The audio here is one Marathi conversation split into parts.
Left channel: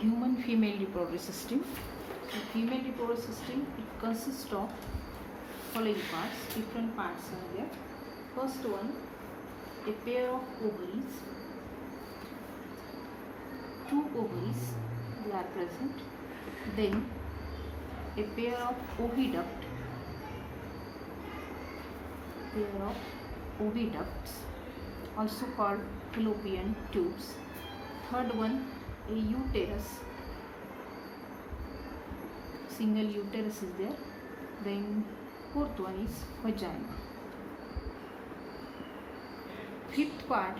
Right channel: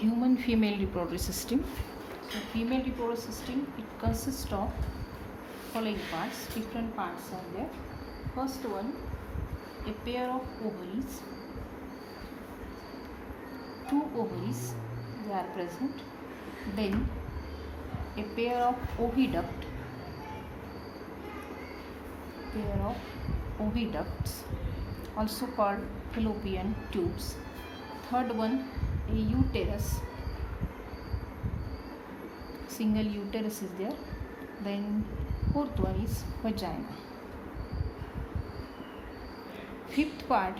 human female reproductive system. So female reproductive system, it consists of following parts. Different parts are there. First one, a pair of ovaries. Two ovaries, they are present. Then a pair of oviduct. Also called fallopian tubes. Third one, a uterus. Single uterus is there. Then fourth one is vagina. Fifth part,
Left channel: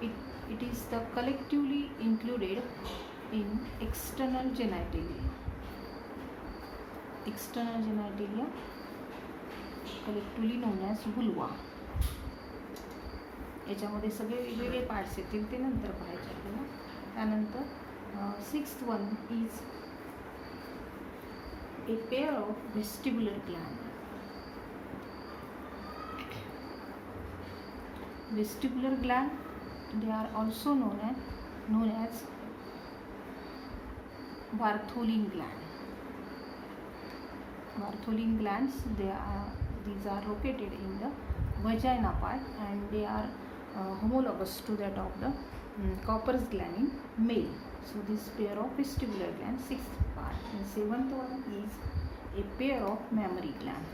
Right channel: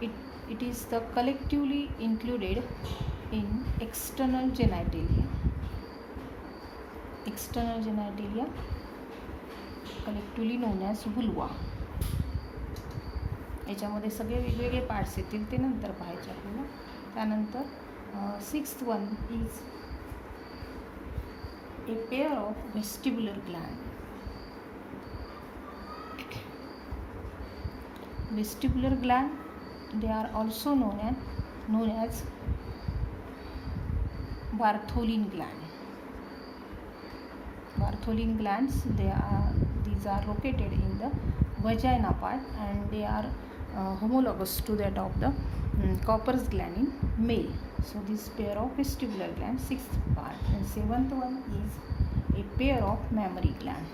it is the collectively included in external genitalia. External genitalia, collectively known as vulva. याच्यामध्ये सगळे वेगवेगळे पार्ट्स येतील ते नंतर पाहायचे आपल्याला. त्यानंतर sixth one is a pair of vestibular gland. Vestibular gland, they are also known as Bartholin gland. Bartholin glands, these are located in the vagina part and they are homologous to that of the Cowper's gland in male. So this pair of vestibular glands, sixth part. And seventh one is a pair of mammary gland.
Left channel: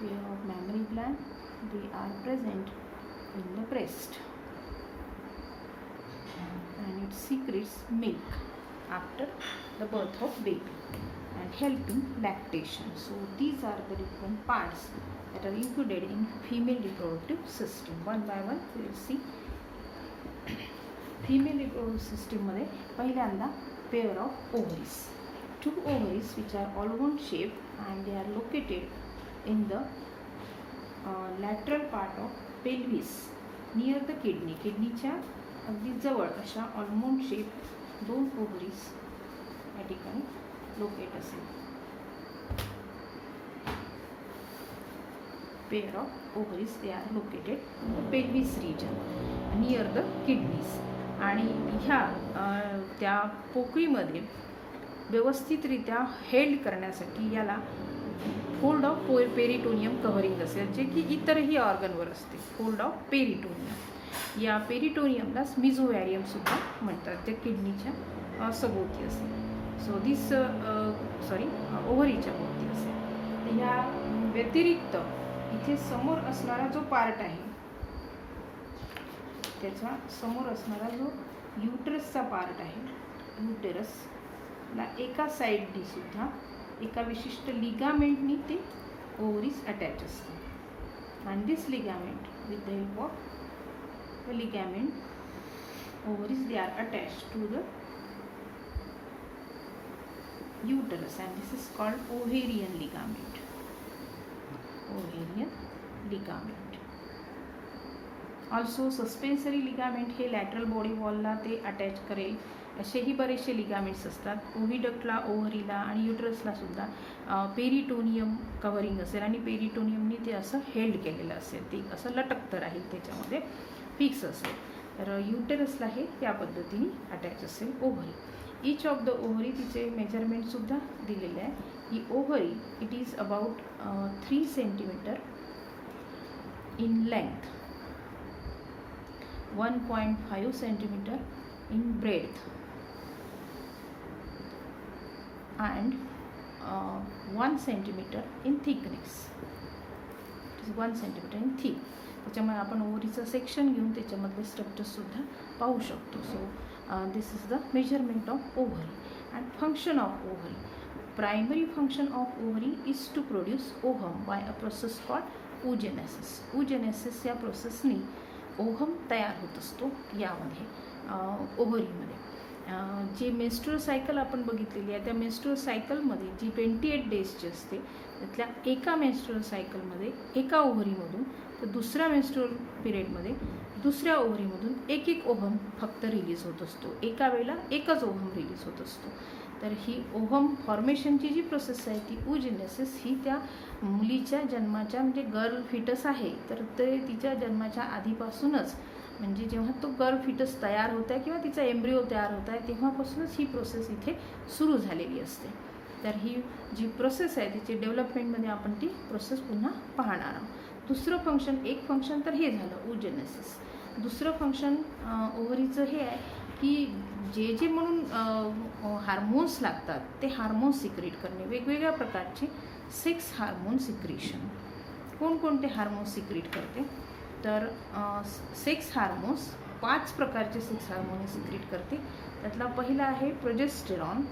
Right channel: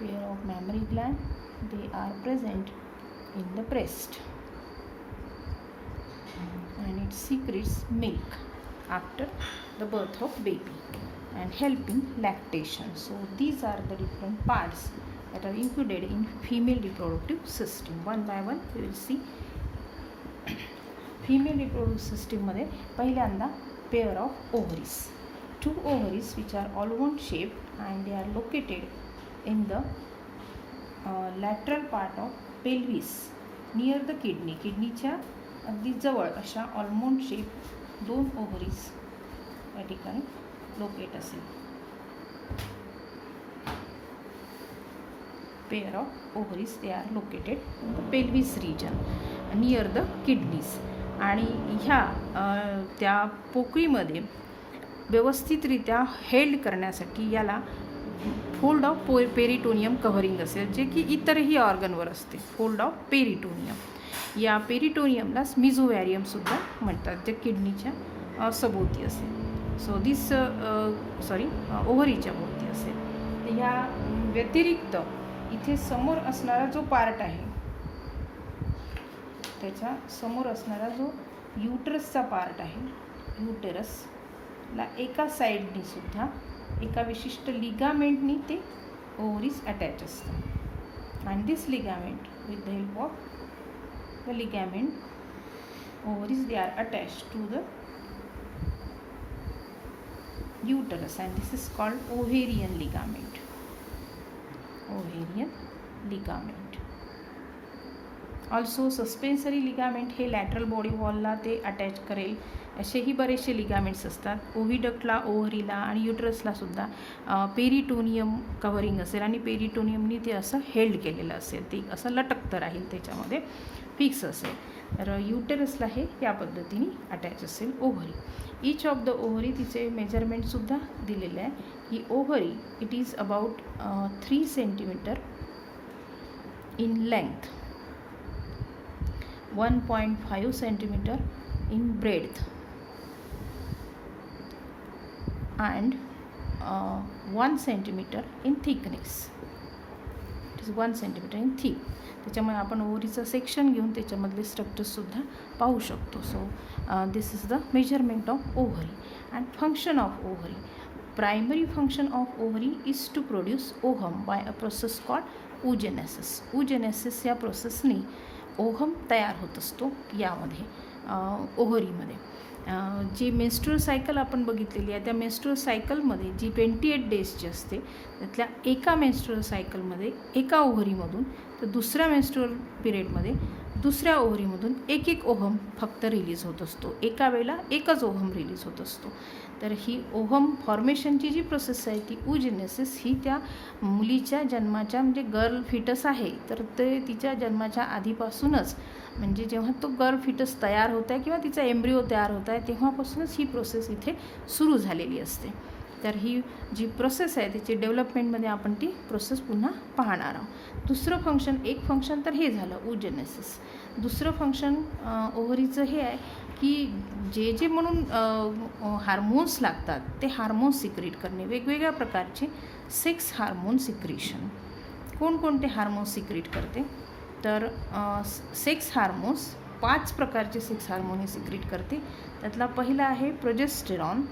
Pair of mammary gland, they are present in the breast and it secretes milk after the birth of baby and helping lactation. So these are the different parts that are included in female reproductive system. One by one we will see. Female reproductive system मध्ये पहिल्यांदा pair of ovaries. Two ovaries which are almond shaped and they are located in the lateral part of pelvis near the kidney. किडनीच्या अगदी जवळ अशा almond shaped दोन ovaries या ठिकाणी लोकेट असेल. Pair of ovaries, they are located pelvis region near the kidneys. आणि ह्या त्या पोकळीमध्ये व्यवस्थितरित्या हेल्ड करण्यासाठी याला फोल्ड ऑफ पेरिटोनियम कव्हरिंग असेल, जे की इतरही ऑर्गनवर असते. फोल्ड ऑफ पेरिटोनियम, या पेरिटोनियमलाच मिझोवॅरियमसुद्धा म्हणतात, जे किडनीच्या सभोवती असेल. सो दिस ओव्हरीच्या भोवती असेल. तर ह्या व्यतिरिक्त इथे समोर असणारा जो पार्ट आहे, त्याचा समोर असणारा जो युटरसचा पार्ट आहे, युटेरसला एका साईडनी सुद्धा एका विशिष्ट लिगामेंटनी ते ओव्हरीज अटॅच असतात. And this ligament, with the help of the ligament, ovaries they are attach to the uterus and this is called ovarian ligament. Ovarian ligament. Also suspensory ligament हे लॅटरल बॉडी वॉलला ते अटॅच करेल असेही बरेचसे लिगामेंट्स असतात. ओव्हिडक्टला, ओव्हरीला आणि युटरसला सुद्धा पेरिटोनियम कव्हरिंग असेल आणि पेरिटोनियमनी ते असं हेल्ड केलेलं असेल, ते असं लटकतं राहील, त्याच्यामध्ये फिक्स असेल. तर युटरसला हे या पद्धतीने अटॅच असेल ovary. Each of the ovary, तिचे मेजरमेंटसुद्धा दिलेले आहे. ही ovary it is about 3 centimetre in length, 1.5 centimetre in breadth and 1 centimeter in thickness. It is 1 centimeter in thick. त्याच्यामुळे आपण ओव्हरीचं सेक्शन घेऊन त्याच्यामधले स्ट्रक्चर्ससुद्धा पाहू शकतो. So this is the measurement of ovary and function of ovary. Primary function of ovary is to produce ovum by a process called oogenesis. oogenesis या प्रोसेसनी ओहम तयार होत असतो यामध्ये, ओव्हरीमध्ये. जी मेन्स्ट्रुअल सायकल आपण बघितलेली आहे, त्या मेन्स्ट्रुअल सायकलमध्ये जी 28 डेजची असते, त्यातल्या एका मेन्स्ट्रुअल सायकलमध्ये एका ओव्हरीमधून तर दुसऱ्या मेन्स्ट्रुअल पिरियडमध्ये दुसऱ्या ओव्हरीमधून एक ओहम फक्त रिलीज होत असतो. एका वेळेला एकच ओहम रिलीज होत असतो. तर ही ओहम फॉर्मेशनची जी प्रोसेस आहे ती oogenesis ही त्या मुलीच्या जन्माच्या, म्हणजे गर्ल फिटस आहे तर ते तिच्या जन्माच्या आधीपासूनच म्हणजे जेव्हा तो गर्ल फिटस तयार होत आहे किंवा तिचा एम्ब्रिओ तयार होत आहे तेव्हापासूनच ही प्रोसेस इथे सुरू झालेली असते. तर ही जी प्रोसेस आहे तिची डेव्हलपमेंटमध्ये आपण ती प्रोसेस पुन्हा पाहणार आहोत. दुसरं फंक्शन, एक फंक्शन तर हे झालं ओजेनेसिस. दुसरं फंक्शन ओव्हरीचं हे आहे की जे म्हणून हार्मोन्स लागतात ते हार्मोन्स सिक्रेट करणे. वेगवेगळ्या प्रकारचे सेक्स हार्मोन सिक्रेशन. कोणकोणते हार्मोन्स सिक्रेट करते तर सेक्स हार्मोन्स 5 प्रकारचे सेक्स हार्मोन हे सिक्रेट करते. त्यातला पहिला आहे progesterone.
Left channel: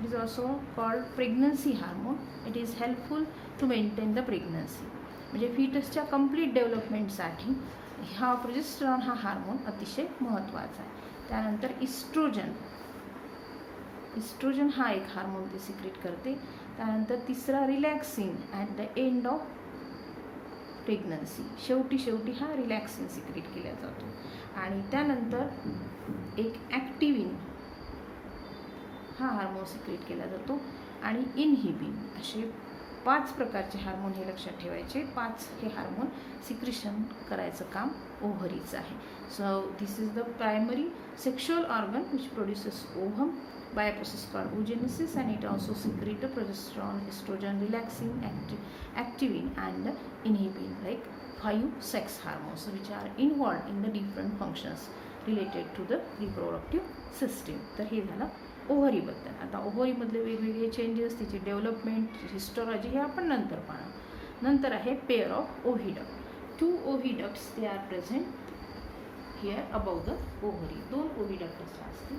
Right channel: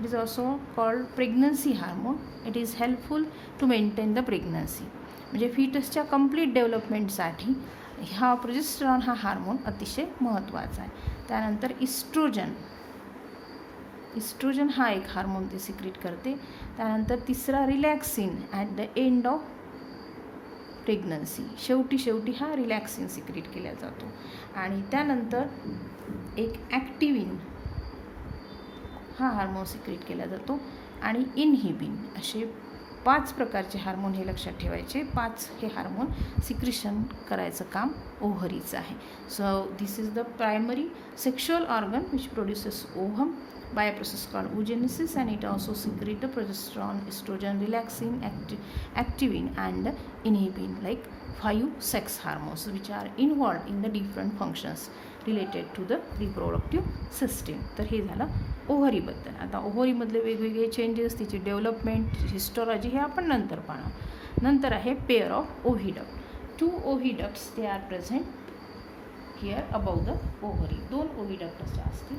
It is also called pregnancy hormone. It is helpful to maintain the pregnancy. म्हणजे फिटसच्या कंप्लीट डेव्हलपमेंटसाठी हा प्रोजेस्टेरॉन हा हार्मोन अतिशय महत्त्वाचा आहे. त्यानंतर इस्ट्रोजन. इस्ट्रोजन हा एक हार्मोन ते सिक्रेट करते. त्यानंतर तिसरा relaxin at the end of pregnancy. शेवटी हा रिलॅक्सिन सिक्रेट केला जातो. आणि त्यानंतर एक ॲक्टिव्हिन हा हार्मोन सिक्रेट केला जातो. आणि इनहिबिन. असे 5 प्रकारचे हार्मोन हे लक्षात ठेवायचे. 5 हे हार्मोन सिक्रेशन करायचं काम ओव्हरीचं आहे. So this is the primary sexual organ which produces ovum by a process called oogenesis, and it also secretes the progesterone, estrogen, relaxin, activin and inhibin, like 5 sex hormones which are involved in the different functions related to the reproductive system. तर हे झालं ओव्हरीबद्दल. आता ओव्हरीमधले वेगवेगळे चेंजेस, तिची डेव्हलपमेंट, हिस्टॉलॉजी हे आपण नंतर पाहणार. नंतर आहे pair of oviduct. 2 oviducts they are present here about the ovary. 2 oviducts असतील.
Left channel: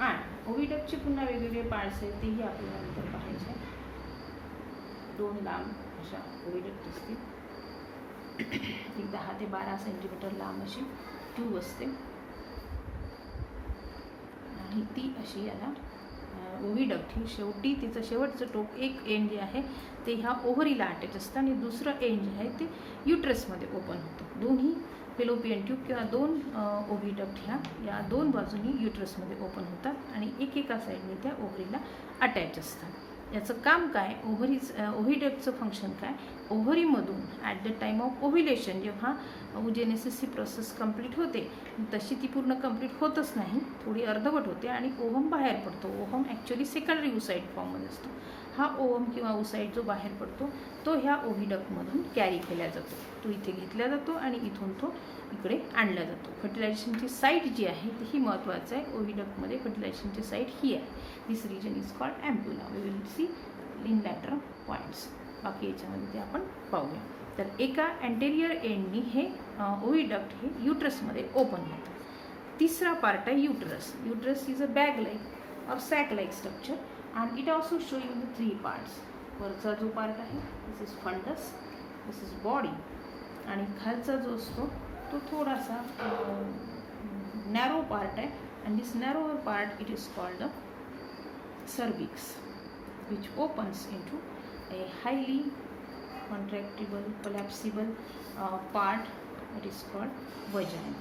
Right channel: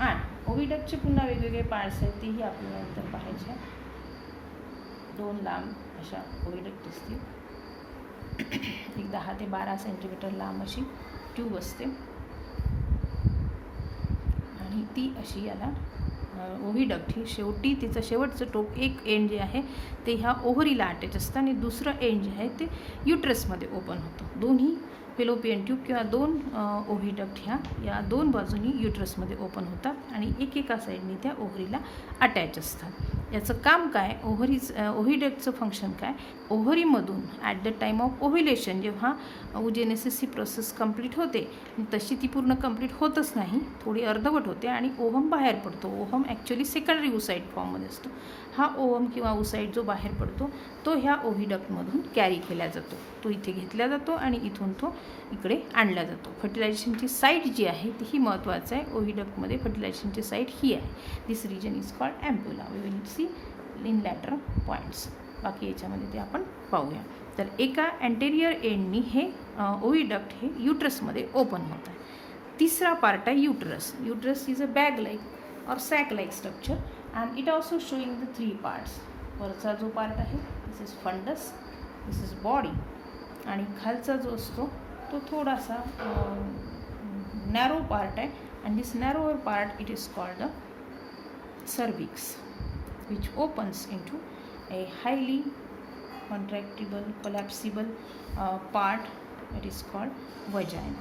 आणि ओव्हिडक्टचे पुन्हा वेगवेगळे पार्ट्स आहेत तेही आपल्याला नंतर पाहायचे. 2 लांब अशा ओव्हिडक्ट असतील. एक 10 ते 12 सेंटीमीटर लांब अशी ट्यूब असते आणि ती अशी याला ओव्हिडक्ट ही शेवटी तिचं शेवटचं टोक, एक एंड जे आहे ते ह्या ओव्हरीला अटॅच असतं आणि दुसरं एंड जे आहे ते युट्रसमध्ये ओपन होतं. दोन्ही फेलोपियन ट्यूब किंवा 2 ओव्हिडक्ट ह्या या 2 बाजूनी युट्रसमध्ये ओपन होतात आणि एकेका साईडने त्या ओव्हरीला अटॅच असतात. याचं काम काय, ओव्हिडक्टचं फंक्शन काय, ओव्हरीमधून at the time of ovulation जेव्हा ओजेनेसिस ही प्रोसेस कंप्लीट होते तशी ती पूर्ण कंप्लीट होतच नाही, थोडी अर्धवट होते आणि ओव्हम बाहेर पडतो. ओव्हम ॲक्च्युली सेकंडरी ओसाईड फॉर्ममध्ये असतो. हा ओव्हम किंवा ओसाईड जो बाहेर पडतो तो ह्या ओव्हिडक्टमधून कॅरी केला जातो. तो इथे घेतला जातो आणि इथून तो इकडे आणला जातो. फर्टिलायझेशनची साईट जी आहे तीही महत्त्वाचं आहे. ओव्हिडक्टमध्ये फर्टिलायझेशनची साईट ही आहे. This region is called ampulla. We will see in later points. बाकी याच्यामध्ये ते आपण पाहूया. तर एका अँटेरियर एंडनी हे ओव्हिडक्ट हे युट्रसमध्ये ओपन होतं. तिसरा पार्ट आहे uterus. Uterus is a bag like or sac like structure and it also showing the 3 parts. वरचा जो पार्ट आहे this is fundus, this is body आणि खालचा जो असतो तो थोडासा नॅरो पार्ट आहे. And this narrower part it is called the cervix, which opens into a highly contractible, collapsible part. It is called vagina.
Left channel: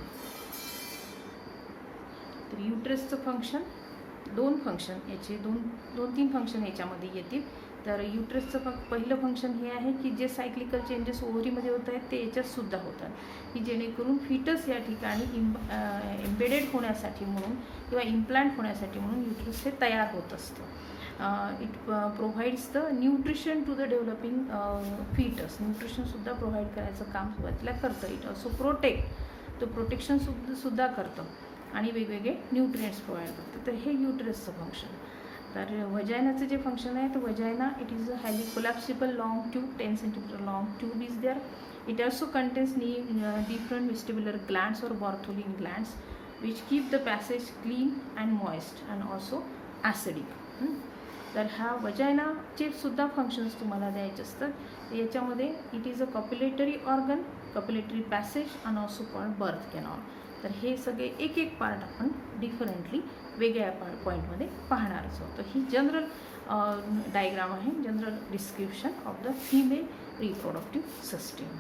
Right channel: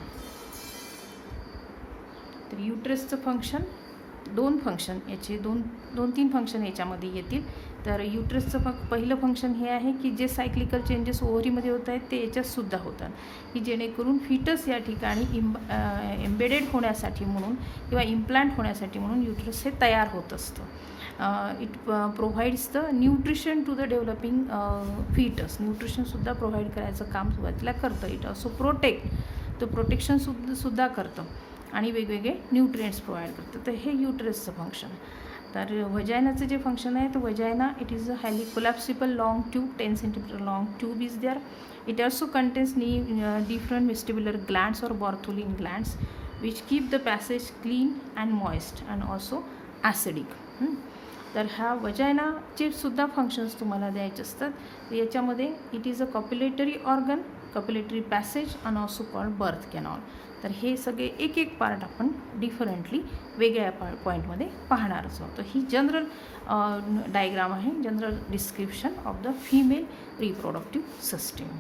तर युट्रसचं फंक्शन 2 फंक्शन याचे 2-3 फंक्शन याच्यामध्ये येतील. तर युट्रसचं पहिलं फंक्शन हे आहे की जे सायक्लिकल चेंजेस ओव्हरीमध्ये होत आहेत ते याच्यातसुद्धा होतात की जेणेकरून फिटस या ठिकाणी एम्बेडेड होण्यासाठी म्हणून किंवा इम्प्लांट होण्यासाठी म्हणून युट्रस हे तयार होत असतं. It provides the nutrition to the developing foetus. न्यूट्रिशनसुद्धा प्रोव्हाइड करायचं काम सुरुवातीला करतं. इट ऑल्सो प्रोटेक्शनसुद्धा करतं आणि वेगवेगळे न्यूट्रिएंट्स प्रोव्हाइड करतं. तर हे युट्रसचं फंक्शन. तर वजायनाचं जे फंक्शन आहे तर vagina it is a highly collapsible long tube, 10 centimetre long tube is there. It also contains different vestibular glands or Bartholin glands which keep the passage clean and moist and also acidic. तर ह्या वजायनाचे सुद्धा फंक्शन्स तुम्हाला द्यायचे असतात. याच्यामध्ये it is a copulatory organ, copulatory passage and also called birth canal. तर हे सगळे एक पार्ट आपण डिफरंटली वेगळ्या पॉईंटमध्ये पाहणारच आहोत. ही जनरल डायग्राम आहे, general description of the female reproductive system.